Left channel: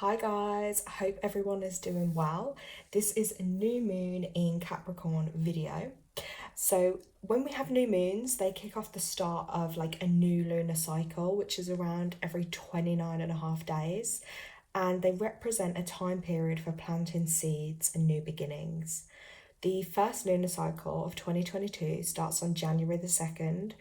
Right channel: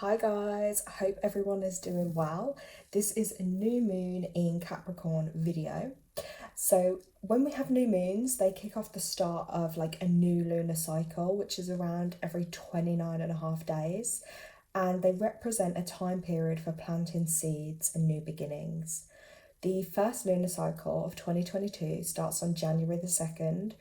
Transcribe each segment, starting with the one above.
Hi guys, I hope everyone is doing well. This is a new moon in Capricorn video. So when we have new moons, they kick off the start of like a new lunar cycle, which is around every 29.5 days. And they represent a time period for planting seeds and new beginnings. The first lunar cycle of 2022 starts on January the 2nd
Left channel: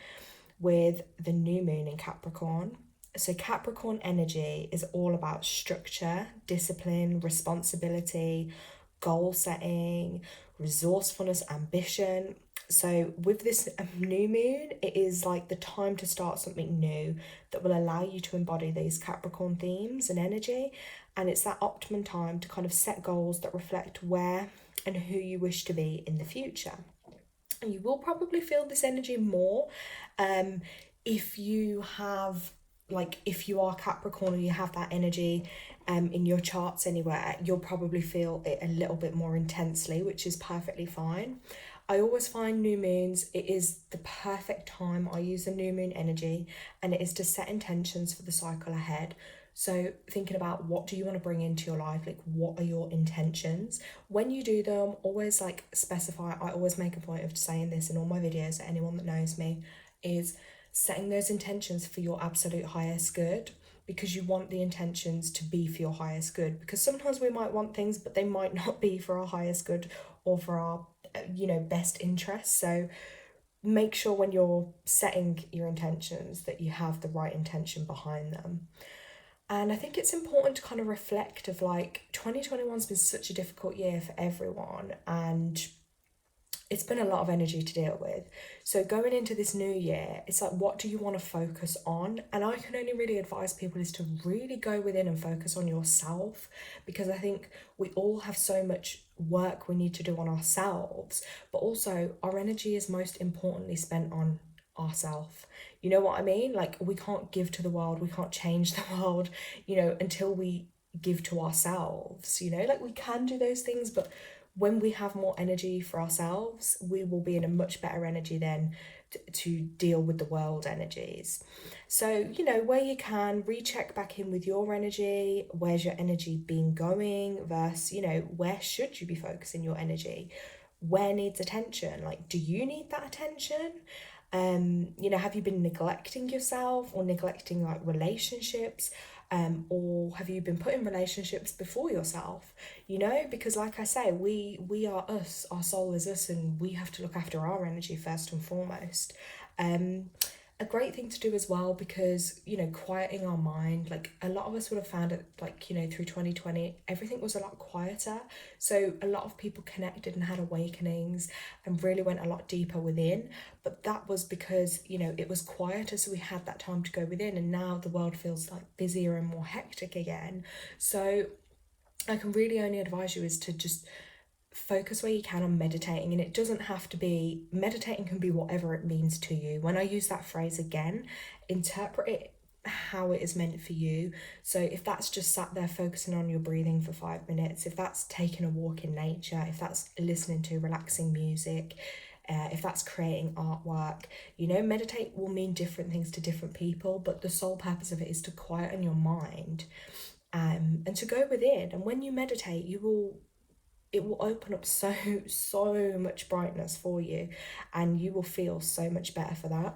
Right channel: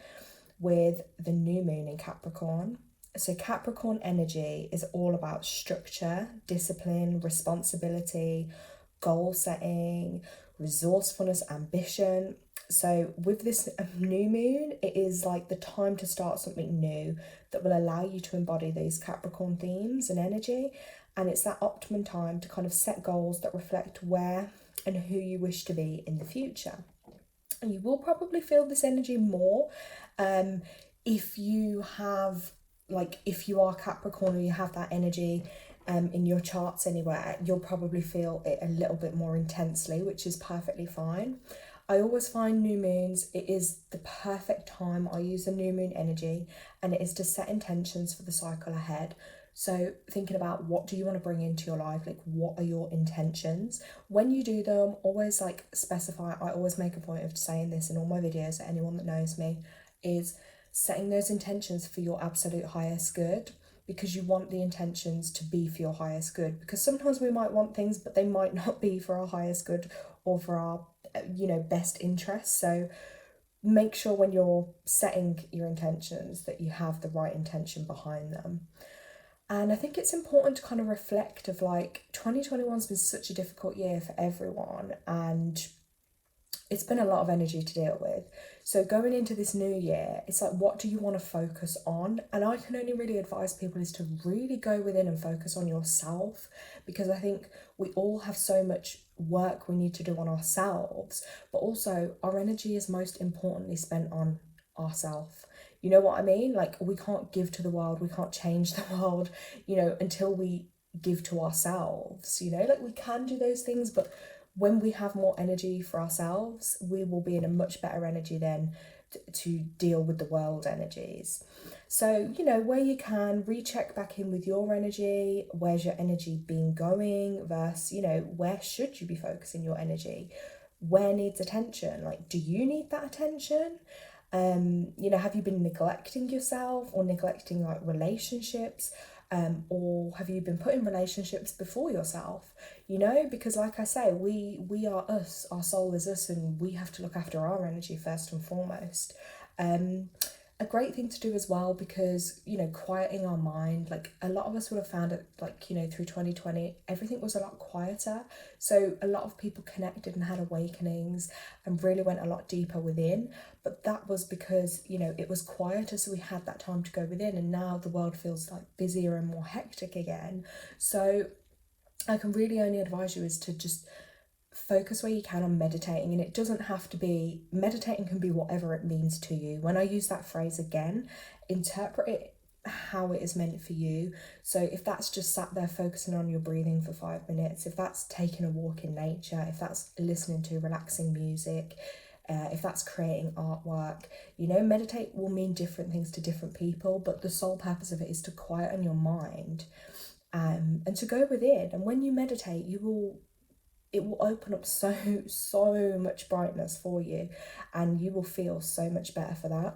with the new moon in Capricorn. So Capricorn energy is all about structure, discipline, responsibility, goal setting, resourcefulness, ambition. So with this new moon, it is like the time to start something new that will allow you to embody these Capricorn themes and energy. And it's that optimum time to kind of set goals that reflect where and who you wish to be in the future. And you will probably feel this energy more if you have, like, if you are Capricorn or you have that energy in your charts anywhere, you'll probably feel it a little bit more intensely, which is perfectly fine. I always find new moons, it is the perfect time. I use the new moon energy, and it is to set intentions for the cycle ahead. So thinking about what do you want to bring into your life, like what are your intentions? When you do them, always like specify. I always make a point of saying this in all my videos, anyone that knows me, is setting those intentions for your absolute highest good, because you want the intentions to be for your highest good. Because sometimes we might want things, but they might not be for our highest good or for our, best interests. So make sure when you're setting your intentions that you have the right intention behind them. And I think it's important to kind of reflect of like 2021's been such a difficult year for everyone, and it's been a lot of energy to deal with. So going into this new year, it's like, what do you want to focus on? And I can only really advise people is to really go within and focus on yourself, because I think we all have so much work we need to do on ourselves, but also our energy is most importantly spent on ourselves. You know what I mean? Like, we can't give to the world, we can't change the world, until we give to ourselves. Like, we can do those things, but when we have more energy for ourselves, we will be in a much better energy then to deal with the world energies. So, where you can, recheck back in with your energy. Where's your energy been going versus, where should you be focusing your energy? Where needs attention? Like, do you need that attention? Have you been neglecting yourself or neglecting like relationships? Or have you been putting relationships before yourself? Because like I say, we are us, our soul is us, and we have to look after our energy first and foremost. A great thing to do as well, because quieting our mind, like a lot of us would have found it, like through 2020 everything was a lot quieter, so a lot of people connected and had awakenings and really went a lot deeper within. But that was because it was quieter, so we had that time to go within, and now the world feels like busier and more hectic again. So I can really only advise you is to just focus where you can on meditating. And it doesn't have to be, meditating can be whatever it means to you. When I use that phrase again, interpret it how it is meant for you. So if that's just sat there focusing on your breathing for 5 minutes, if that's taking a walk in nature, if that's listening to relaxing music, if that's creating artwork, meditate will mean different things to different people, but the sole purpose of it is to quieten your mind and to go within. And when you meditate, it will open up so much brightness for you, and you will feel so much better for that.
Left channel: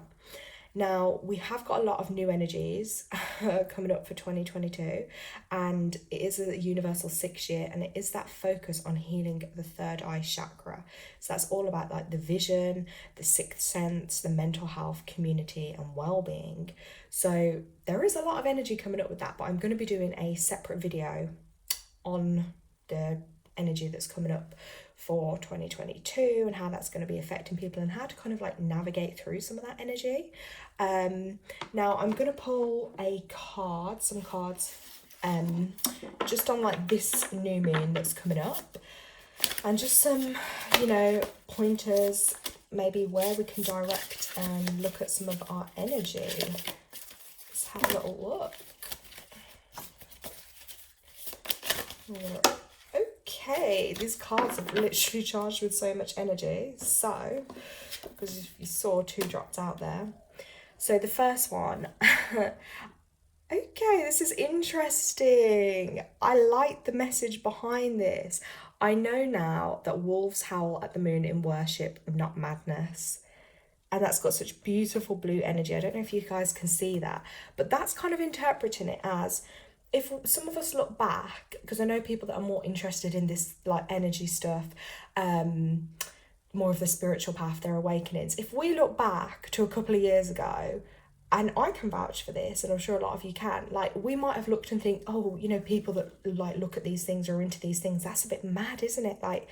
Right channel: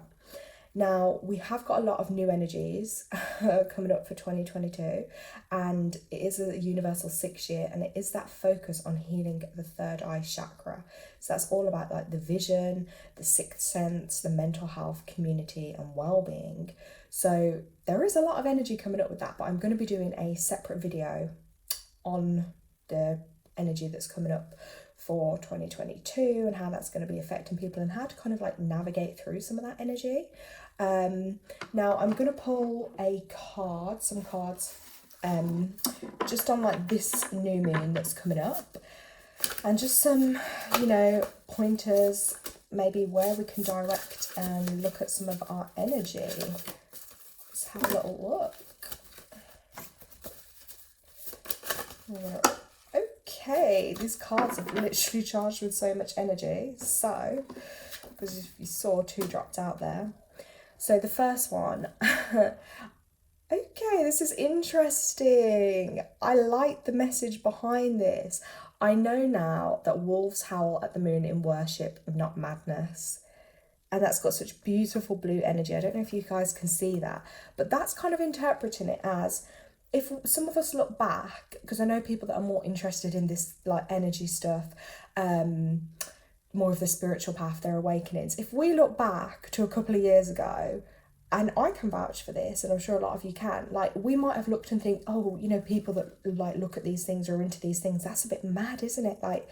Now, we have got a lot of new energies coming up for 2022, and it is a universal 6 year, and it is that focus on healing the third eye chakra. So that's all about like the vision, the sixth sense, the mental health, community and well-being. So there is a lot of energy coming up with that, but I'm going to be doing a separate video on the energy that's coming up for 2022 and how that's going to be affecting people and how to kind of like navigate through some of that energy. Now I'm going to pull some cards just on like this new moon that's coming up, and just some pointers maybe where we can direct and look at some of our energy. Let's have a little look. Okay, these cards have literally charged with so much energy. So, because you saw 2 dropped out there. So the first one, Okay, this is interesting. I like the message behind this. I know now that wolves howl at the moon in worship, not madness. And that's got such beautiful blue energy. I don't know if you guys can see that, but that's kind of interpreting it as, if some of us look back, because I know people that are more interested in this like energy stuff, more of the spiritual path, their awakenings. If we look back to a couple of years ago, and I can vouch for this, and I'm sure a lot of you can, like we might have looked and think, oh, you know, people that like look at these things or are into these things, that's a bit mad, isn't it? Like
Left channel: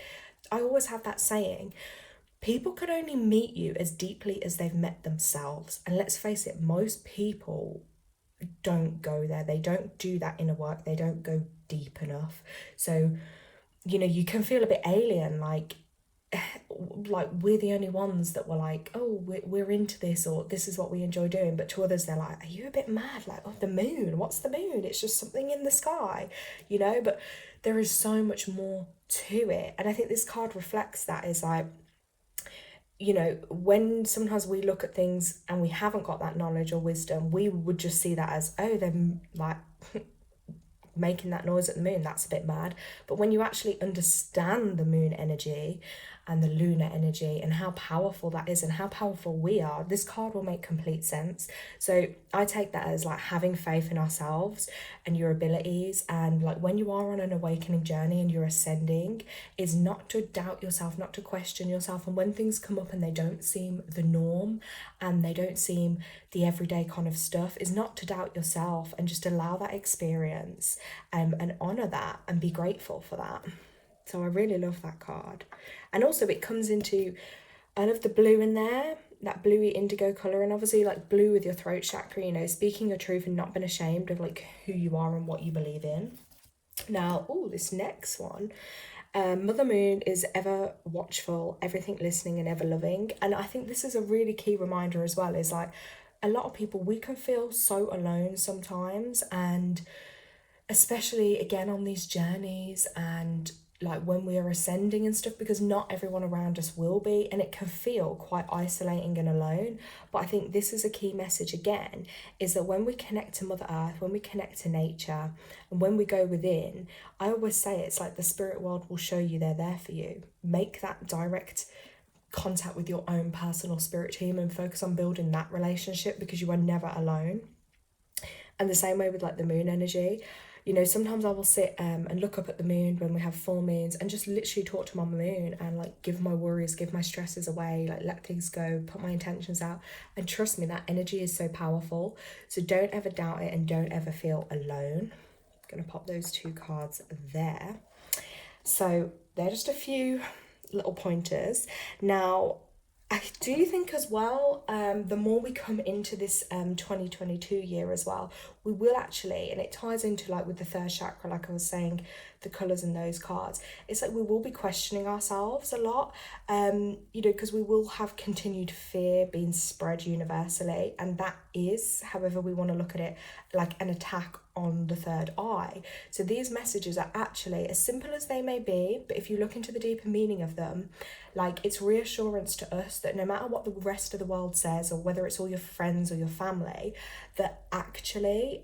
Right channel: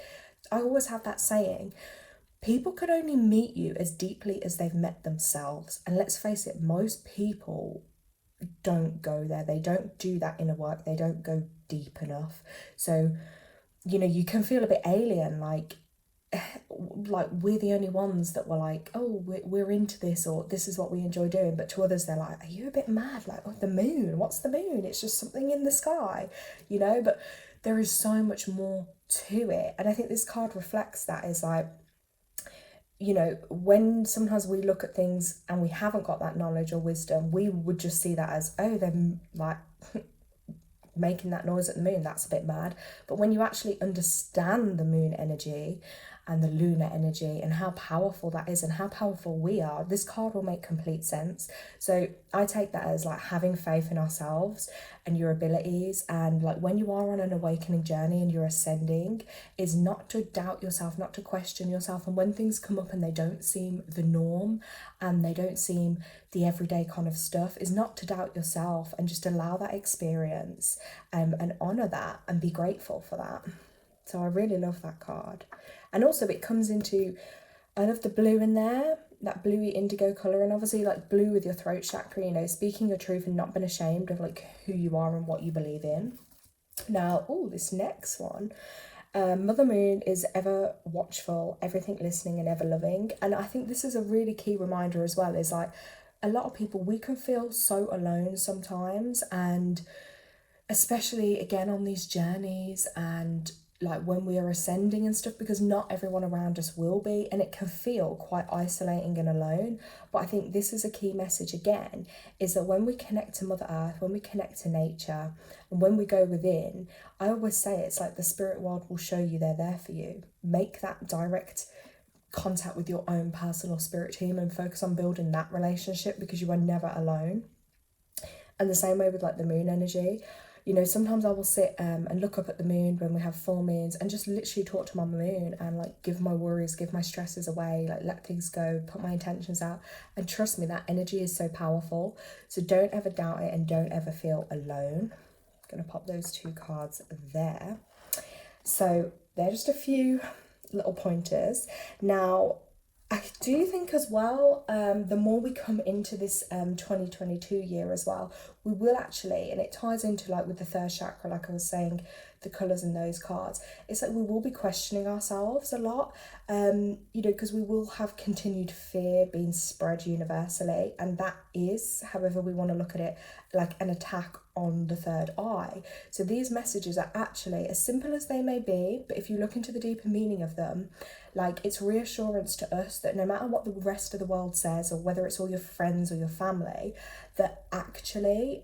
I always have that saying, people could only meet you as deeply as they've met themselves. And let's face it, most people don't go there. They don't do that inner work. They don't go deep enough. So, you know, you can feel a bit alien, like we're the only ones that were like, oh, we're into this, or this is what we enjoy doing. But to others, they're like, are you a bit mad? Like, oh, the moon, what's the moon? It's just something in the sky, you know? But there is so much more to it. And I think this card reflects that, is like, you know, when sometimes we look at things and we haven't got that knowledge or wisdom, we would just see that as, oh, they're like making that noise at the moon, that's a bit mad. But when you actually understand the moon energy and the lunar energy and how powerful that is and how powerful we are, this card will make complete sense. So I take that as like having faith in ourselves and your abilities, and like when you are on an awakening journey and you're ascending, is not to doubt yourself, not to question yourself. And when things come up and they don't seem the norm and they don't seem the everyday kind of stuff, is not to doubt yourself and just allow that experience, and honor that and be grateful for that. So I really love that card. And also it comes into, I love the blue in there, that bluey indigo colour, and obviously like blue with your throat chakra, you know, speaking your truth and not being ashamed of like who you are and what you believe in. Now, oh, this next one, Mother Moon is ever watchful, everything listening and ever loving. And I think this is a really key reminder as well, is like a lot of people, we can feel so alone sometimes, and especially again on these journeys and like when we are ascending and stuff, because not everyone around us will be, and it can feel quite isolating and alone. But I think this is a key message again, is that when we connect to Mother Earth, when we connect to nature, and when we go within, I always say it's like the spirit world will show you they're there for you. Make that direct contact with your own personal spirit team and focus on building that relationship, because you are never alone. And the same way with like the moon energy, you know, sometimes I will sit and look up at the moon when we have full moons and just literally talk to my moon and like give my worries, give my stresses away, like let things go, put my intentions out. And trust me, that energy is so powerful. So don't ever doubt it and don't ever feel alone. I'm going to pop those two cards there. So they're just a few little pointers. Now, I do think as well, the more we come into this 2022 year as well, we will actually, and it ties into like with the third chakra, like I was saying, the colours in those cards, it's like we will be questioning ourselves a lot, you know, because we will have continued fear being spread universally, and that is, however we want to look at it, like an attack on the third eye. So these messages are actually, as simple as they may be, but if you look into the deeper meaning of them, like it's reassurance to us that no matter what the rest of the world says, or whether it's all your friends or your family, that actually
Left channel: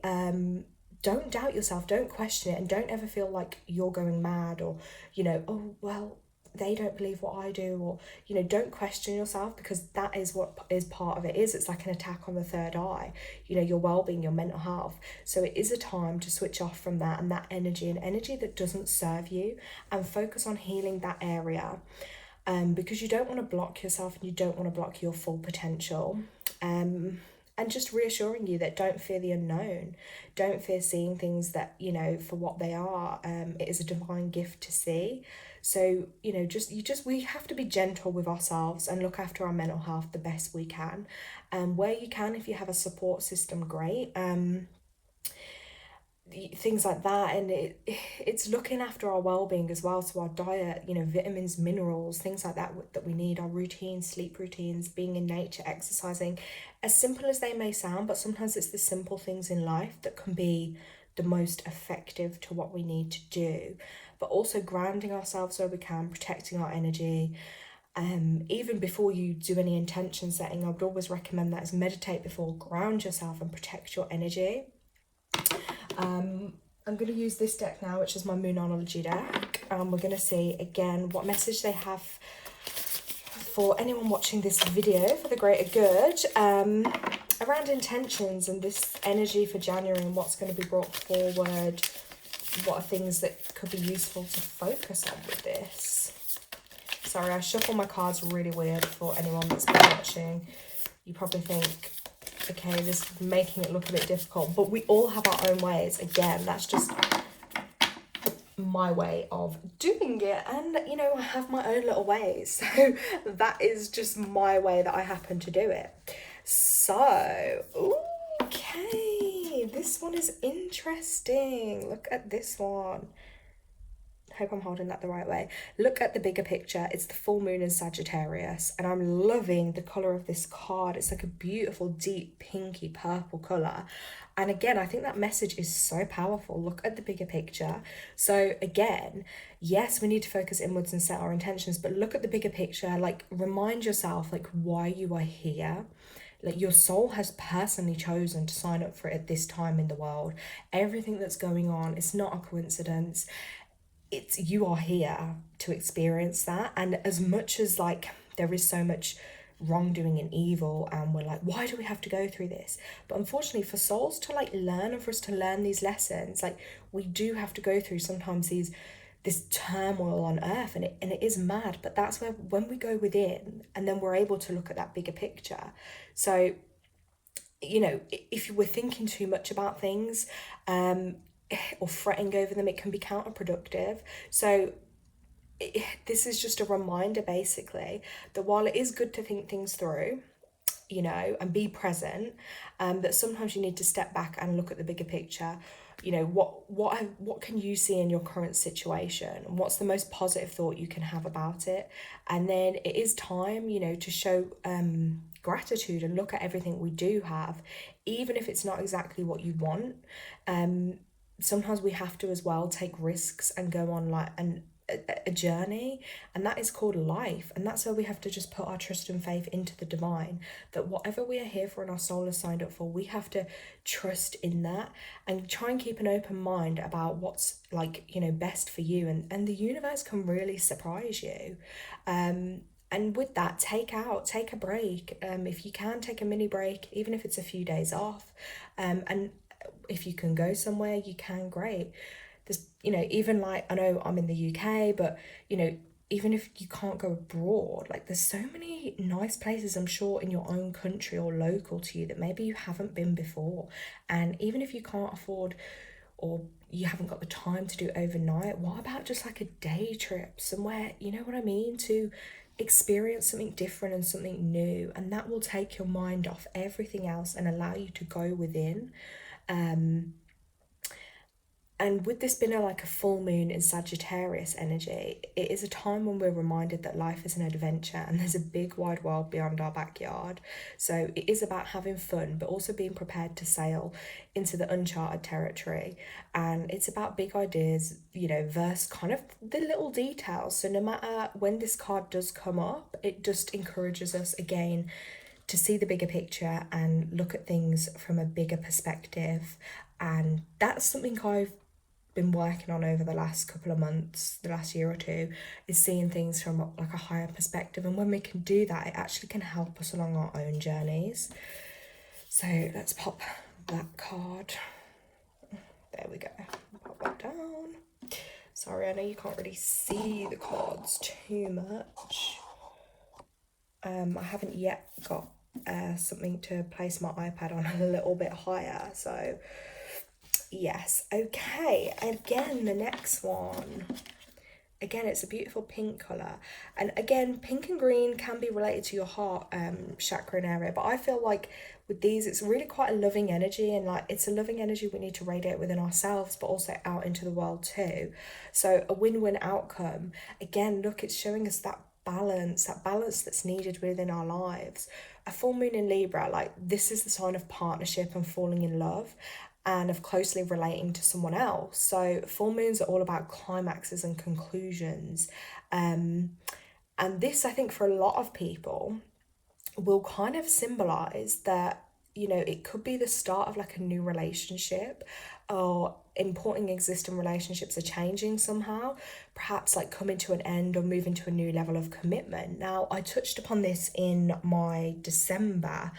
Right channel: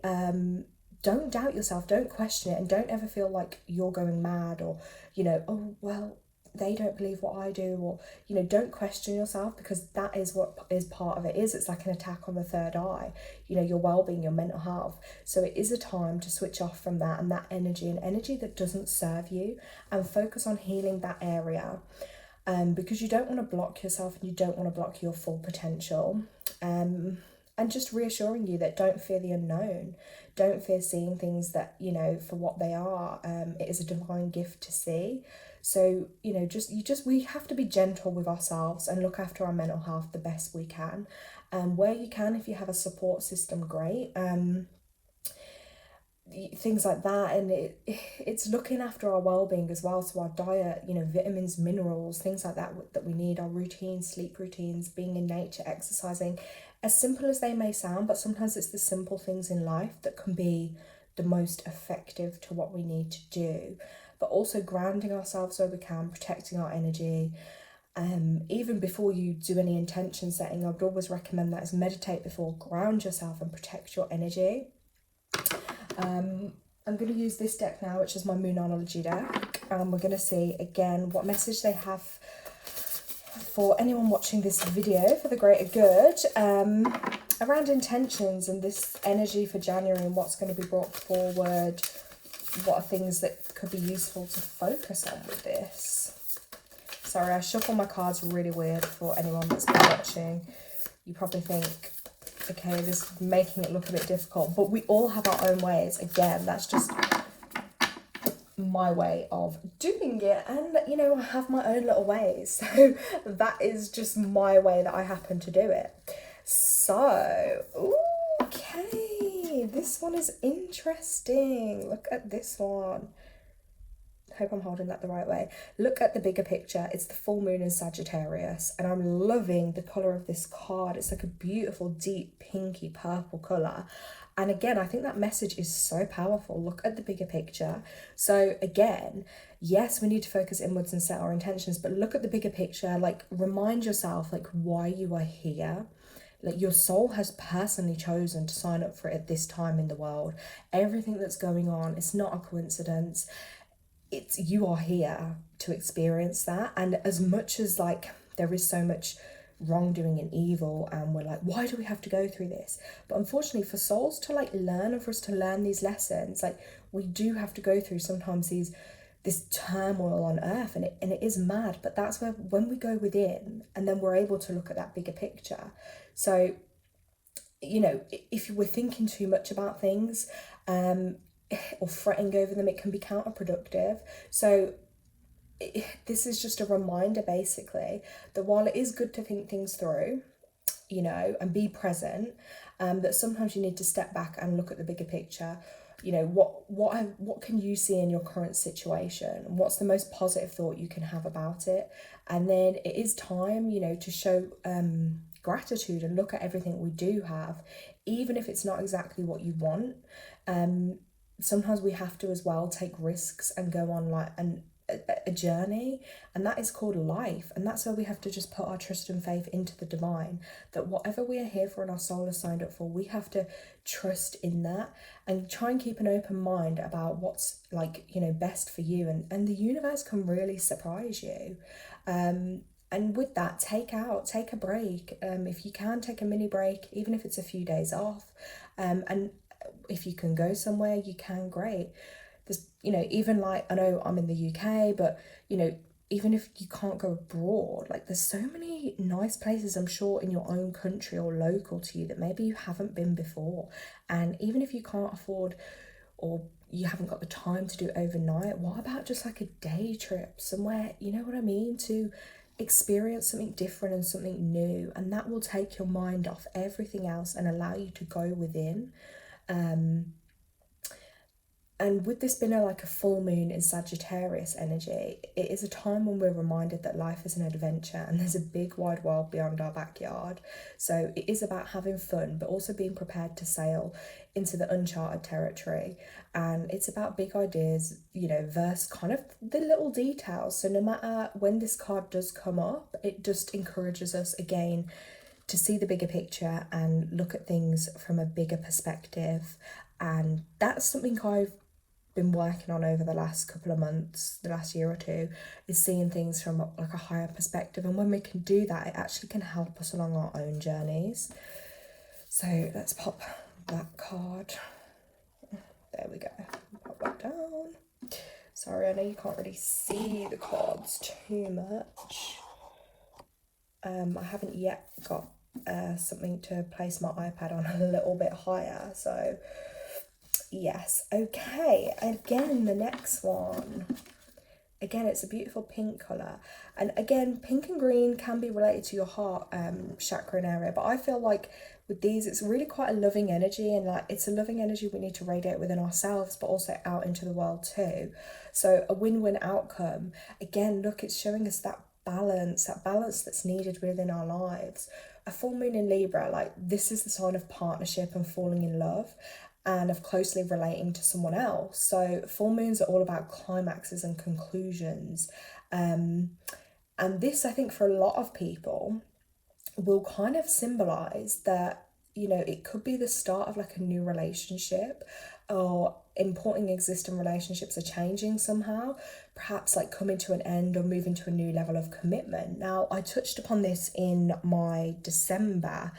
don't doubt yourself, don't question it, and don't ever feel like you're going mad, or, you know, oh, well, they don't believe what I do, or, you know, don't question yourself, because that is what is part of it. It's like an attack on the third eye, you know, your well-being, your mental health. So it is a time to switch off from that and that energy, and energy that doesn't serve you, and focus on healing that area. Because you don't want to block yourself and you don't want to block your full potential. And just reassuring you that don't fear the unknown. Don't fear seeing things that, you know, for what they are. It is a divine gift to see. So, you know, we have to be gentle with ourselves and look after our mental health the best we can. Where you can, if you have a support system, great. Things like that, and it's looking after our well-being as well, so our diet, you know, vitamins, minerals, things like that that we need, our routines, sleep routines, being in nature, exercising, as simple as they may sound, but sometimes it's the simple things in life that can be the most effective to what we need to do. But also grounding ourselves where we can, protecting our energy. Even before you do any intention setting, I would always recommend that, is meditate before, ground yourself and protect your energy. I'm going to use this deck now, which is my moonenergy deck, and we're going to see again what message they have for anyone watching this video for the greater good, around intentions and this energy for January and what's going to be brought forward. What are things that could be useful to focus on with this? Sorry, I shuffle my cards really weird for anyone that's been watching. You probably think, okay, this is making it look a bit difficult, but we all have our own ways. Again, that's just my way of doing it, and you know, I have my own little ways, so that is just my way that I happen to do it. So, okay, this one is interesting. Look at this one. Hope I'm holding that the right way. Look at the bigger picture. It's the full moon in Sagittarius, and I'm loving the color of this card. It's like a beautiful deep pinky purple color, and again, I think that message is so powerful. Look at the bigger picture. So again, yes, we need to focus inwards and set our intentions, but look at the bigger picture. Like, remind yourself like why you are here. Like, your soul has personally chosen to sign up for it at this time in the world. Everything that's going on, it's not a coincidence. It's, you are here to experience that. And as much as like there is so much wrongdoing and evil, and we're like, why do we have to go through this? But unfortunately, for souls to like learn, and for us to learn these lessons, like, we do have to go through sometimes this turmoil on earth, and it is mad. But that's where, when we go within, and then we're able to look at that bigger picture. So, you know, if we're thinking too much about things, or fretting over them, it can be counterproductive. So this is just a reminder basically that while it is good to think things through, you know, and be present, that sometimes you need to step back and look at the bigger picture. You know, what can you see in your current situation? What's the most positive thought you can have about it? And then it is time, you know, to show gratitude and look at everything we do have, even if it's not exactly what you want. Sometimes we have to as well take risks and go on like a journey, and that is called life. And that's where we have to just put our trust and faith into the divine, that whatever we are here for and our soul is signed up for, we have to trust in that and try and keep an open mind about what's, like, you know, best for you. And the universe can really surprise you. And with that, take a break. If you can, take a mini break, even if it's a few days off. And if you can go somewhere, you can, great. There's, you know, even like, I know I'm in the UK, but you know, even if you can't go abroad, like, there's so many nice places, I'm sure, in your own country or local to you that maybe you haven't been before. And even if you can't afford, or you haven't got the time to do overnight, what about just like a day trip somewhere, you know what I mean, to experience something different and something new, and that will take your mind off everything else and allow you to go within. And with this being like a full moon in Sagittarius energy, it is a time when we're reminded that life is an adventure and there's a big wide world beyond our backyard. So it is about having fun, but also being prepared to sail into the uncharted territory. And it's about big ideas, you know, versus kind of the little details. So no matter when this card does come up, it just encourages us again to see the bigger picture and look at things from a bigger perspective. And that's something I've been working on over the last couple of months, the last year or two, is seeing things from like a higher perspective. And when we can do that, it actually can help us along our own journeys. So let's pop that card. There we go. Pop that down. Sorry, I know you can't really see the cards too much. I haven't yet got something to place my iPad on a little bit higher, so yes. Okay, again, the next one. Again, it's a beautiful pink colour. And again, pink and green can be related to your heart chakra and area. But I feel like with these, it's really quite a loving energy. And like, it's a loving energy we need to radiate within ourselves, but also out into the world too. So a win-win outcome. Again, look, it's showing us that balance that's needed within our lives. A full moon in Libra, like, this is the sign of partnership and falling in love, and of closely relating to someone else. So full moons are all about climaxes and conclusions. And this, I think, for a lot of people will kind of symbolize that, you know, it could be the start of like a new relationship, or important existing relationships are changing somehow, perhaps like coming to an end or moving to a new level of commitment. Now, I touched upon this in my December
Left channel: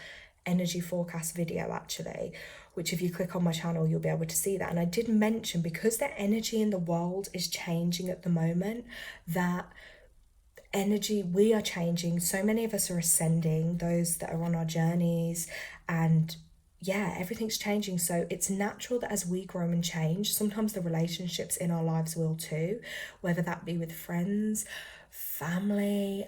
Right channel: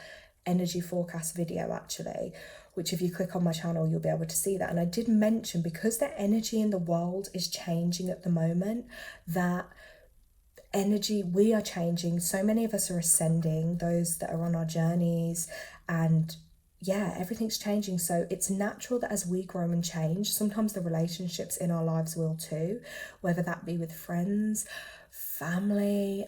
energy forecast video actually, which if you click on my channel you'll be able to see that. And I did mention, because the energy in the world is changing at the moment, that energy, we are changing. So many of us are ascending, those that are on our journeys, and yeah, everything's changing. So it's natural that as we grow and change, sometimes the relationships in our lives will too, whether that be with friends, family,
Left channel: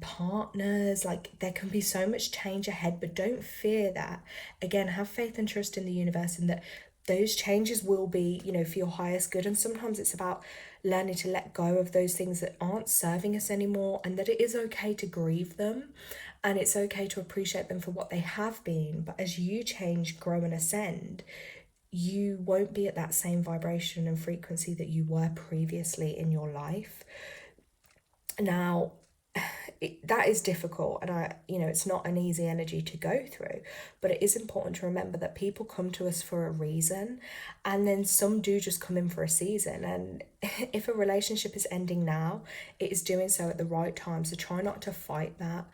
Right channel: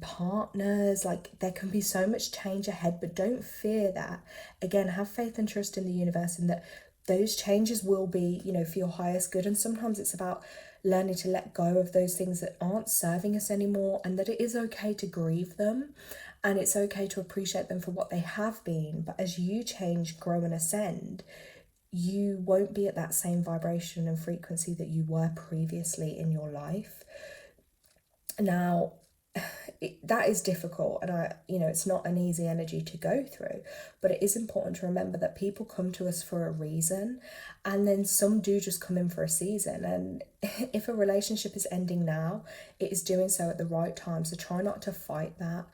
partners. Like, there can be so much change ahead, but don't fear that. Again, have faith and trust in the universe, and that those changes will be, you know, for your highest good. And sometimes it's about learning to let go of those things that aren't serving us anymore, and that it is okay to grieve them, and it's okay to appreciate them for what they have been. But as you change, grow and ascend, you won't be at that same vibration and frequency that you were previously in your life. Now, that is difficult, and it's not an easy energy to go through, but it is important to remember that people come to us for a reason, and then some do just come in for a season. And if a relationship is ending now, it is doing so at the right time, so try not to fight that,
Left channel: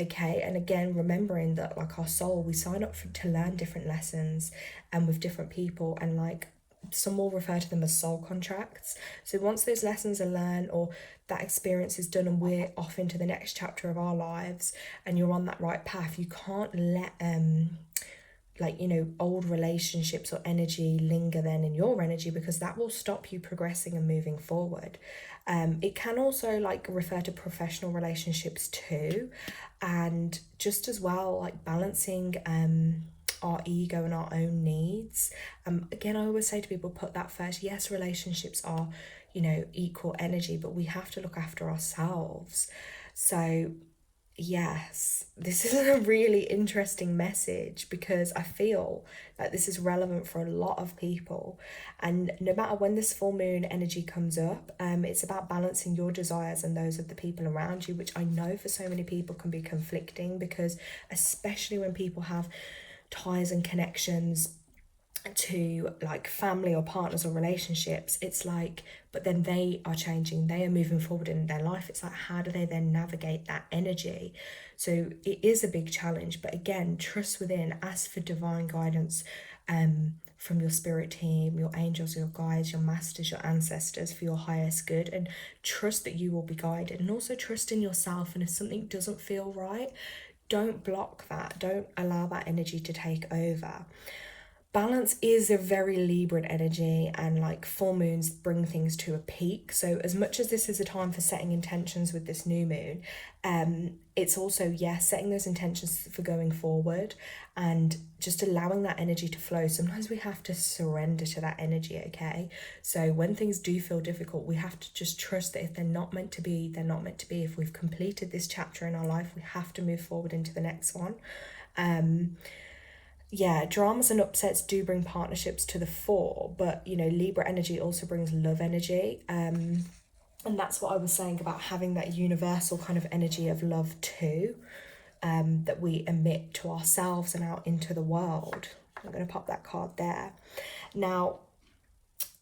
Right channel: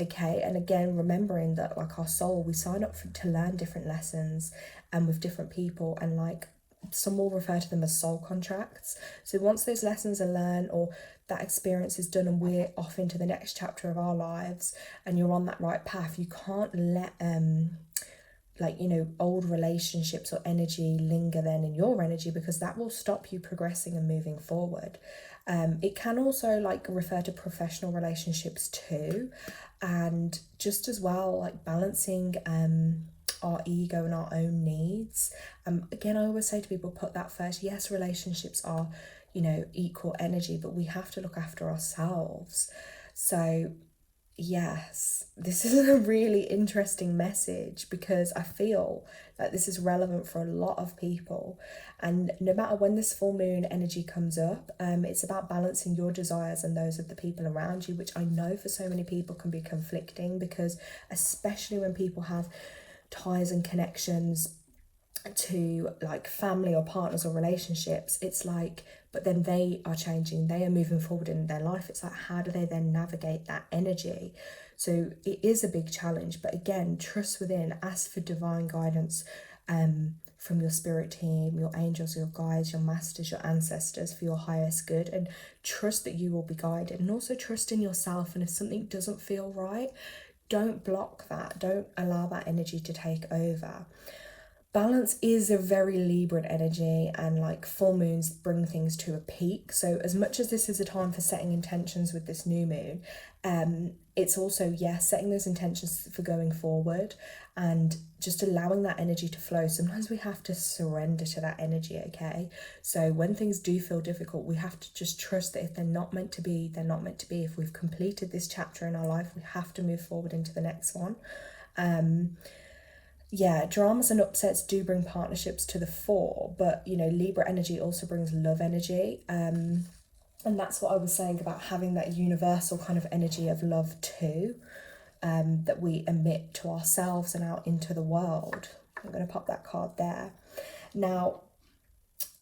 okay? And again, remembering that, like, our soul, we sign up to learn different lessons and with different people, and like, some will refer to them as soul contracts. So once those lessons are learned, or that experience is done, and we're off into the next chapter of our lives, and you're on that right path, you can't let old relationships or energy linger then in your energy, because that will stop you progressing and moving forward. It can also like refer to professional relationships too, and just as well, like balancing our ego and our own needs. Again, I always say to people, put that first. Yes, relationships are, equal energy, but we have to look after ourselves. So yes, this is a really interesting message, because I feel like this is relevant for a lot of people. And no matter when this full moon energy comes up, it's about balancing your desires and those of the people around you, which I know for so many people can be conflicting, because especially when people have ties and connections to like family or partners or relationships, it's like, but then they are changing, they are moving forward in their life. It's like, how do they then navigate that energy? So it is a big challenge, but again, trust within, ask for divine guidance from your spirit team, your angels, your guides, your masters, your ancestors, for your highest good, and trust that you will be guided. And also trust in yourself, and if something doesn't feel right, don't block that, don't allow that energy to take over. Balance is a very Libran energy, and like full moons bring things to a peak. So as much as this is a time for setting intentions with this new moon, it's also, setting those intentions for going forward and just allowing that energy to flow. Sometimes we have to surrender to that energy, okay? So when things do feel difficult, we have to just trust that if they're not meant to be, they're not meant to be. If we've completed this chapter in our life, we have to move forward into the next one. Dramas and upsets do bring partnerships to the fore, but Libra energy also brings love energy, and that's what I was saying about having that universal kind of energy of love too, that we emit to ourselves and out into the world. I'm going to pop that card there. Now,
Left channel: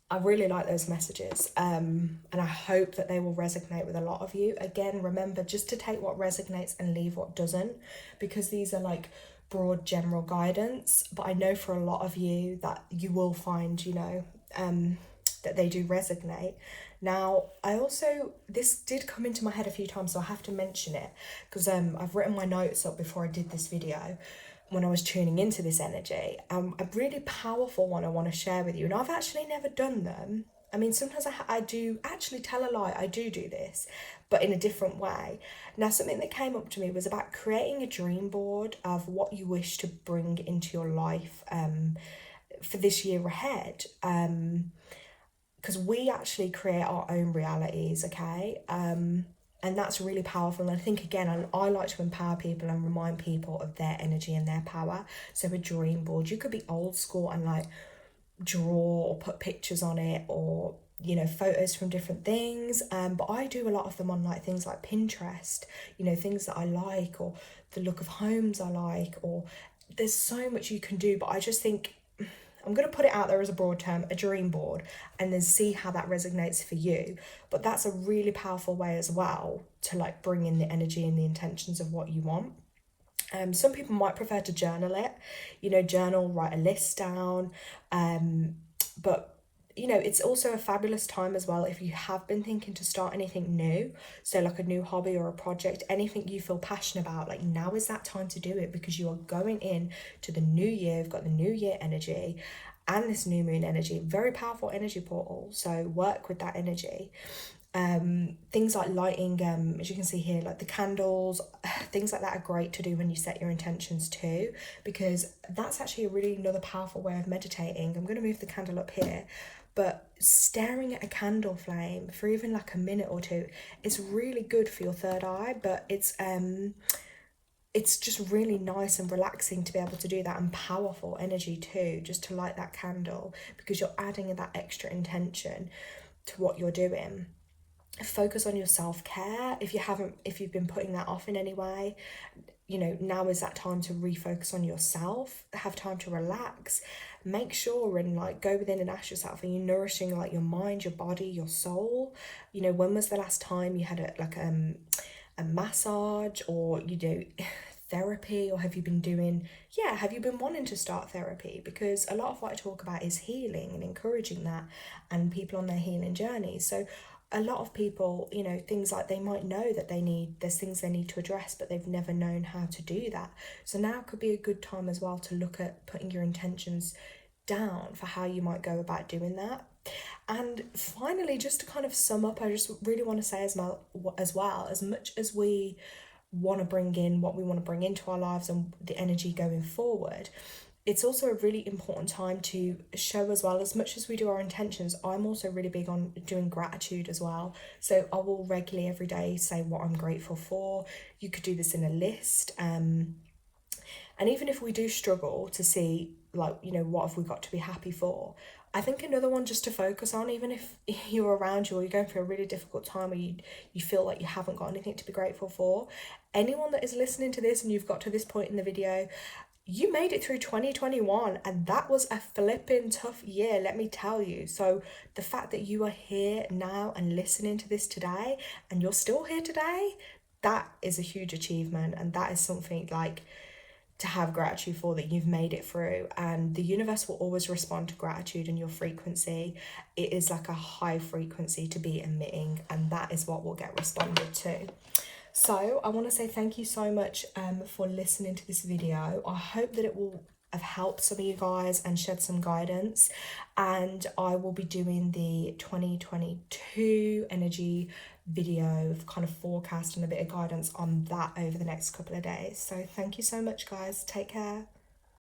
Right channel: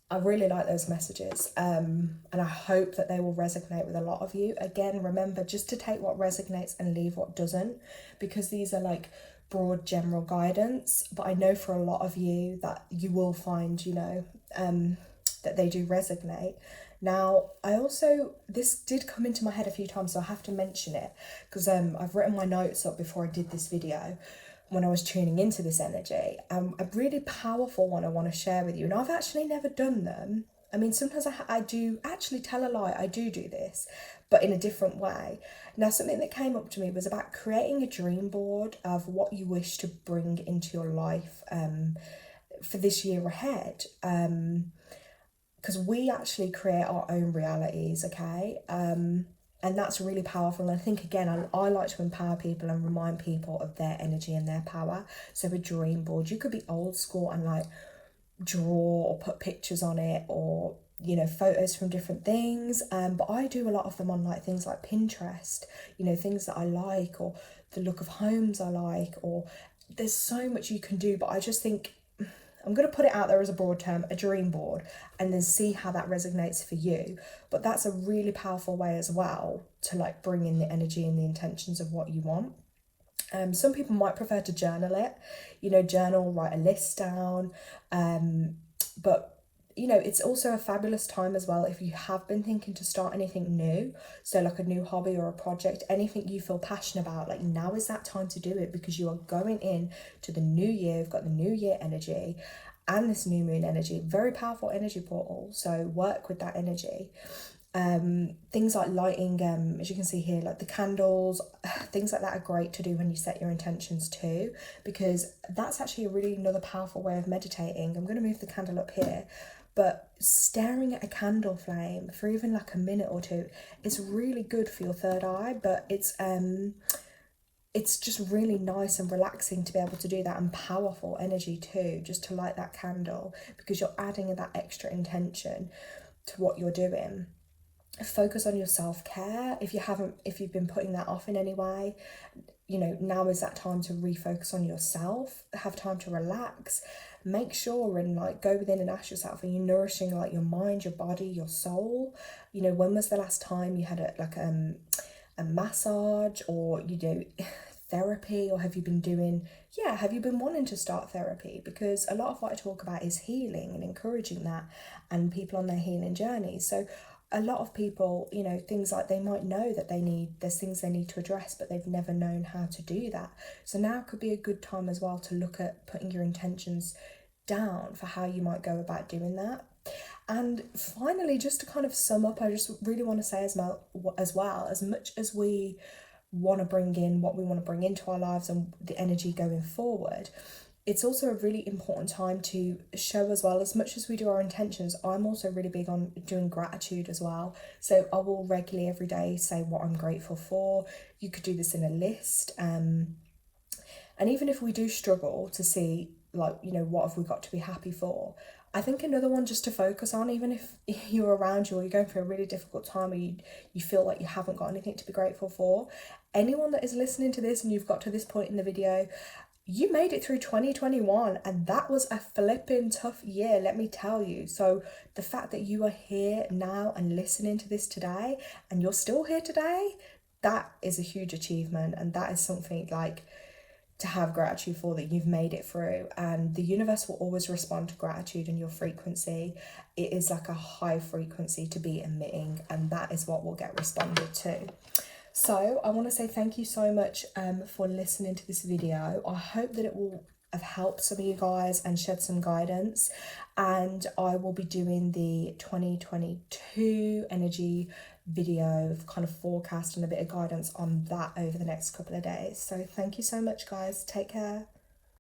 I really like those messages, and I hope that they will resonate with a lot of you. Again, remember just to take what resonates and leave what doesn't, because these are like broad general guidance, but I know for a lot of you that you will find that they do resonate. Now, this did come into my head a few times, so I have to mention it, because I've written my notes up before I did this video when I was tuning into this energy. A really powerful one I want to share with you, and I've actually never done them. I mean, sometimes I do actually tell a lie, I do this, but in a different way. Now, something that came up to me was about creating a dream board of what you wish to bring into your life for this year ahead. Because we actually create our own realities, okay? And that's really powerful. And I think, again, I like to empower people and remind people of their energy and their power. So a dream board, you could be old school and like draw or put pictures on it, or photos from different things, but I do a lot of them on like things like Pinterest, things that I like, or the look of homes I like, or there's so much you can do. But I just think I'm going to put it out there as a broad term, a dream board, and then see how that resonates for you. But that's a really powerful way as well to like bring in the energy and the intentions of what you want. Some people might prefer to journal it, you know, journal, write a list down. But you know, it's also a fabulous time as well if you have been thinking to start anything new. So like a new hobby or a project, anything you feel passionate about, like now is that time to do it, because you are going in to the new year. You've got the new year energy and this new moon energy, very powerful energy portal. So work with that energy. Things like lighting, as you can see here, like the candles, things like that are great to do when you set your intentions too, because that's actually a really another powerful way of meditating. I'm going to move the candle up here, but staring at a candle flame for even like a minute or two is really good for your third eye. But it's just really nice and relaxing to be able to do that, and powerful energy too, just to light that candle, because you're adding that extra intention to what you're doing. Focus on your self-care. If you've been putting that off in any way, you know, now is that time to refocus on yourself, have time to relax. Make sure and like go within and ask yourself, are you nourishing like your mind, your body, your soul? You know, when was the last time you had a massage, or you know, therapy? Or have you been wanting to start therapy? Because a lot of what I talk about is healing and encouraging that, and people on their healing journeys. So a lot of people, you know, things like they might know that there's things they need to address, but they've never known how to do that. So now could be a good time as well to look at putting your intentions down for how you might go about doing that. And finally, just to kind of sum up, I just really want to say as well, as much as we want to bring in what we want to bring into our lives and the energy going forward, it's also a really important time to show as well, as much as we do our intentions, I'm also really big on doing gratitude as well. So I will regularly every day say what I'm grateful for. You could do this in a list. And even if we do struggle to see, like, you know, what have we got to be happy for, I think another one just to focus on, even if you're around you or you're going through a really difficult time, or you feel like you haven't got anything to be grateful for, anyone that is listening to this and you've got to this point in the video, you made it through 2021, and that was a flipping tough year, let me tell you. So the fact that you are here now and listening to this today, and you're still here today, that is a huge achievement, and that is something like to have gratitude for, that you've made it through. And the universe will always respond to gratitude and your frequency. It is like a high frequency to be emitting, and that is what will get responded to. So I want to say thank you so much for listening to this video. I hope that it will have helped some of you guys and shed some guidance. And I will be doing the 2022 energy video, kind of forecast and a bit of guidance on that over the next couple of days. So thank you so much, guys. Take care.